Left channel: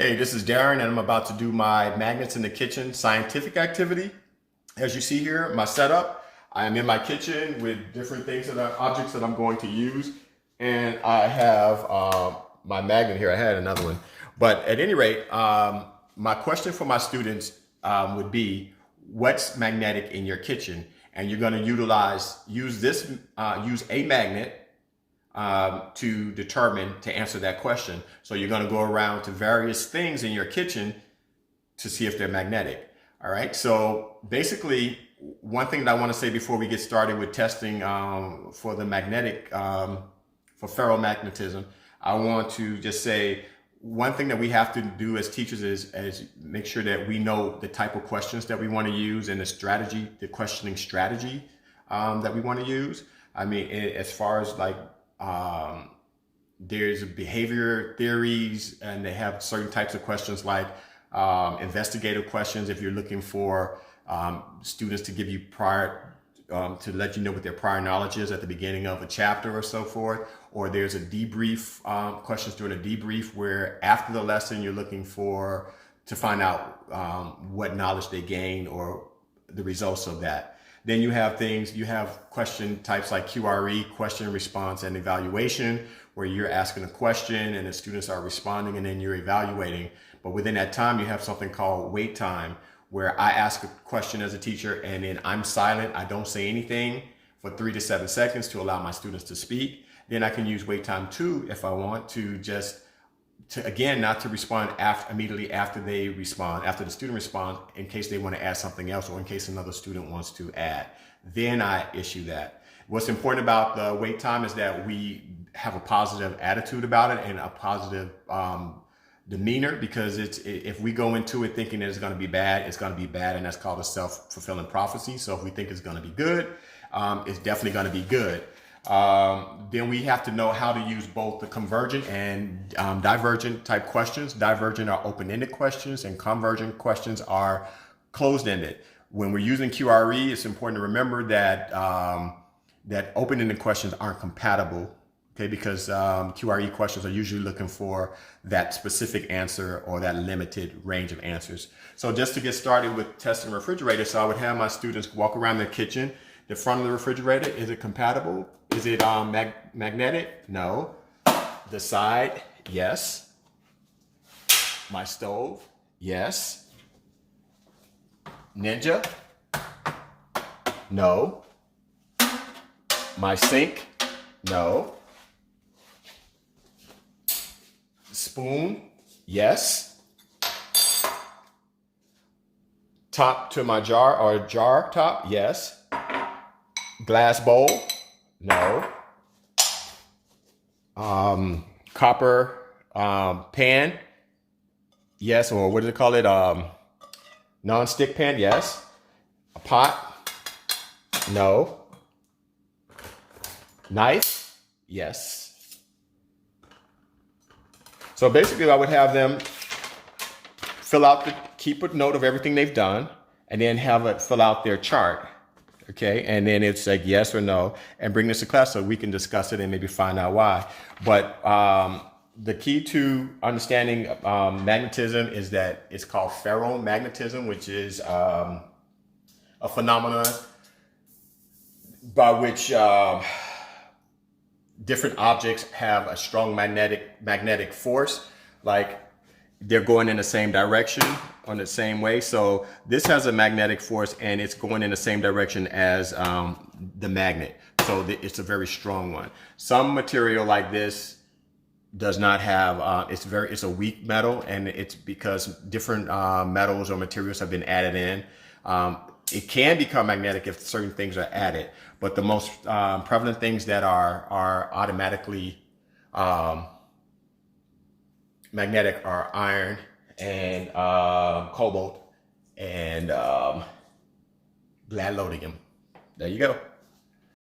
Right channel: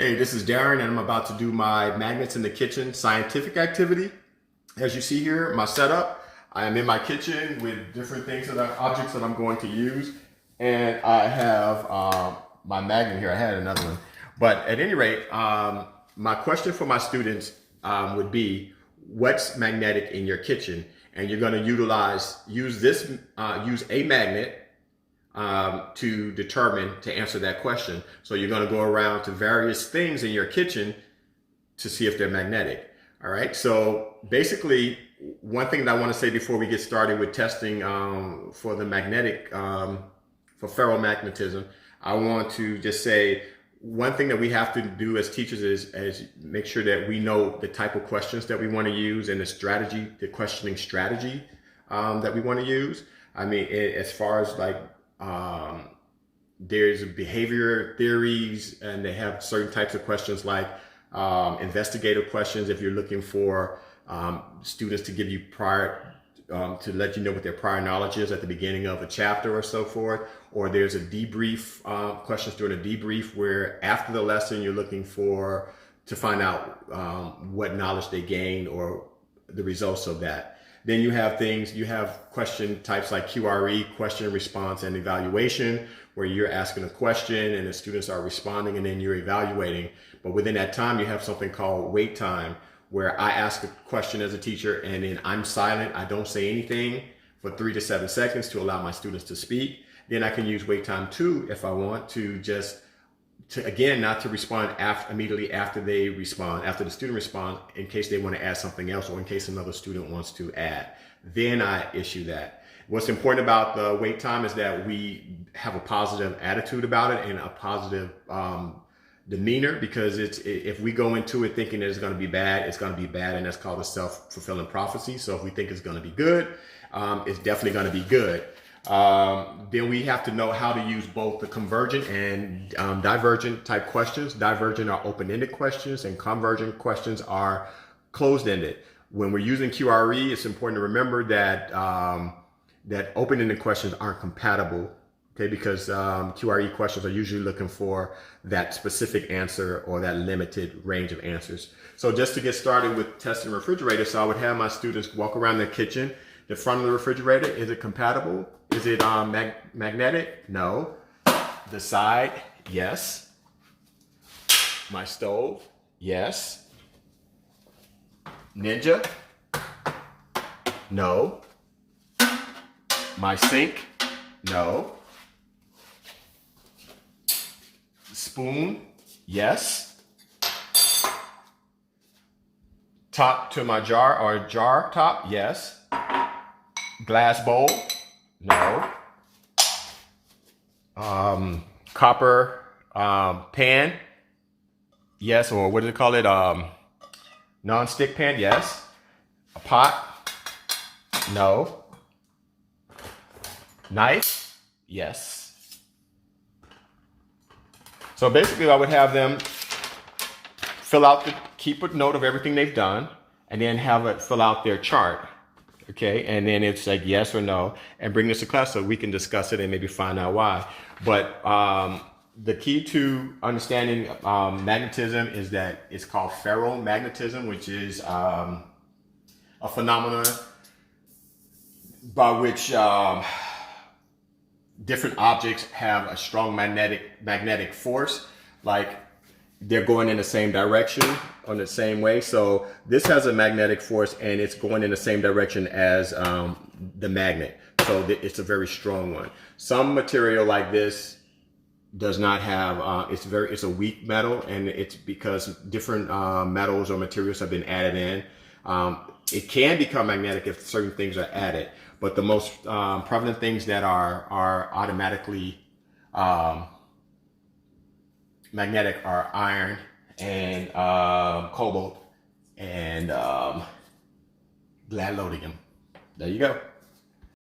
Hey, this is Darren, and I'm about to do my Magnets in the Kitchen scientific activity. As you see here, my setup, I am in my kitchen with different things that are objects that I'm going to use. And I have my magnet here. I had another one. But at any rate, my question for my students would be, what's magnetic in your kitchen? And you're going to use a magnet to answer that question. So you're going to go around to various things in your kitchen to see if they're magnetic. All right. So basically, one thing that I want to say before we get started with testing for the magnetic, for ferromagnetism, I want to just say one thing that we have to do as teachers is make sure that we know the type of questions that we want to use and the questioning strategy that we want to use. I mean, as far as like, there's behavior theories, and they have certain types of questions like investigative questions if you're looking for students to give you to let you know what their prior knowledge is at the beginning of a chapter or so forth. Or there's a debrief, questions during a debrief where after the lesson you're looking to find out what knowledge they gained or the results of that. Then you have question types like QRE, question, response, and evaluation, where you're asking a question and the students are responding and then you're evaluating. But within that time, you have something called wait time, where I ask a question as a teacher and then I'm silent. I don't say anything for 3 to 7 seconds to allow my students to speak. Then I can use wait time 2 if I want to, not to respond immediately after they respond, after the student responds, in case they want to add something else or in case another student wants to add. Then I issue that. What's important about the wait time is that we have a positive attitude about it and a positive demeanor, because if we go into it thinking that it's going to be bad, it's going to be bad, and that's called a self-fulfilling prophecy. So if we think it's going to be good, it's definitely going to be good. Then we have to know how to use both the convergent and divergent type questions. Divergent are open-ended questions and convergent questions are closed-ended. When we're using QRE, it's important to remember that that open-ended questions aren't compatible, okay? Because QRE questions are usually looking for that specific answer or that limited range of answers. So just to get started with testing refrigerator, so I would have my students walk around the kitchen. The front of the refrigerator, is it compatible? Is it magnetic? No. The side, yes. My stove, yes. Ninja, no. My sink, no. Spoon, yes. Top to my jar, or jar top, yes. Glass bowl, no. Copper pan, yes. Or what do they call it? Non-stick pan, yes. A pot, no. Knife, yes. So basically I would have them keep a note of everything they've done, and then have it fill out their chart. Okay, and then it's like yes or no, and bring this to class so we can discuss it and maybe find out why. But the key to understanding magnetism is that it's called ferromagnetism, which is a phenomenon by which different objects have a strong magnetic force, like they're going in the same direction on the same way. So this has a magnetic force and it's going in the same direction as the magnet. So it's a very strong one. Some material like this does not have, it's a weak metal, and it's because different metals or materials have been added in. It can become magnetic if certain things are added, but the most prevalent things that are automatically magnetic are iron and cobalt and gadolinium. There you go.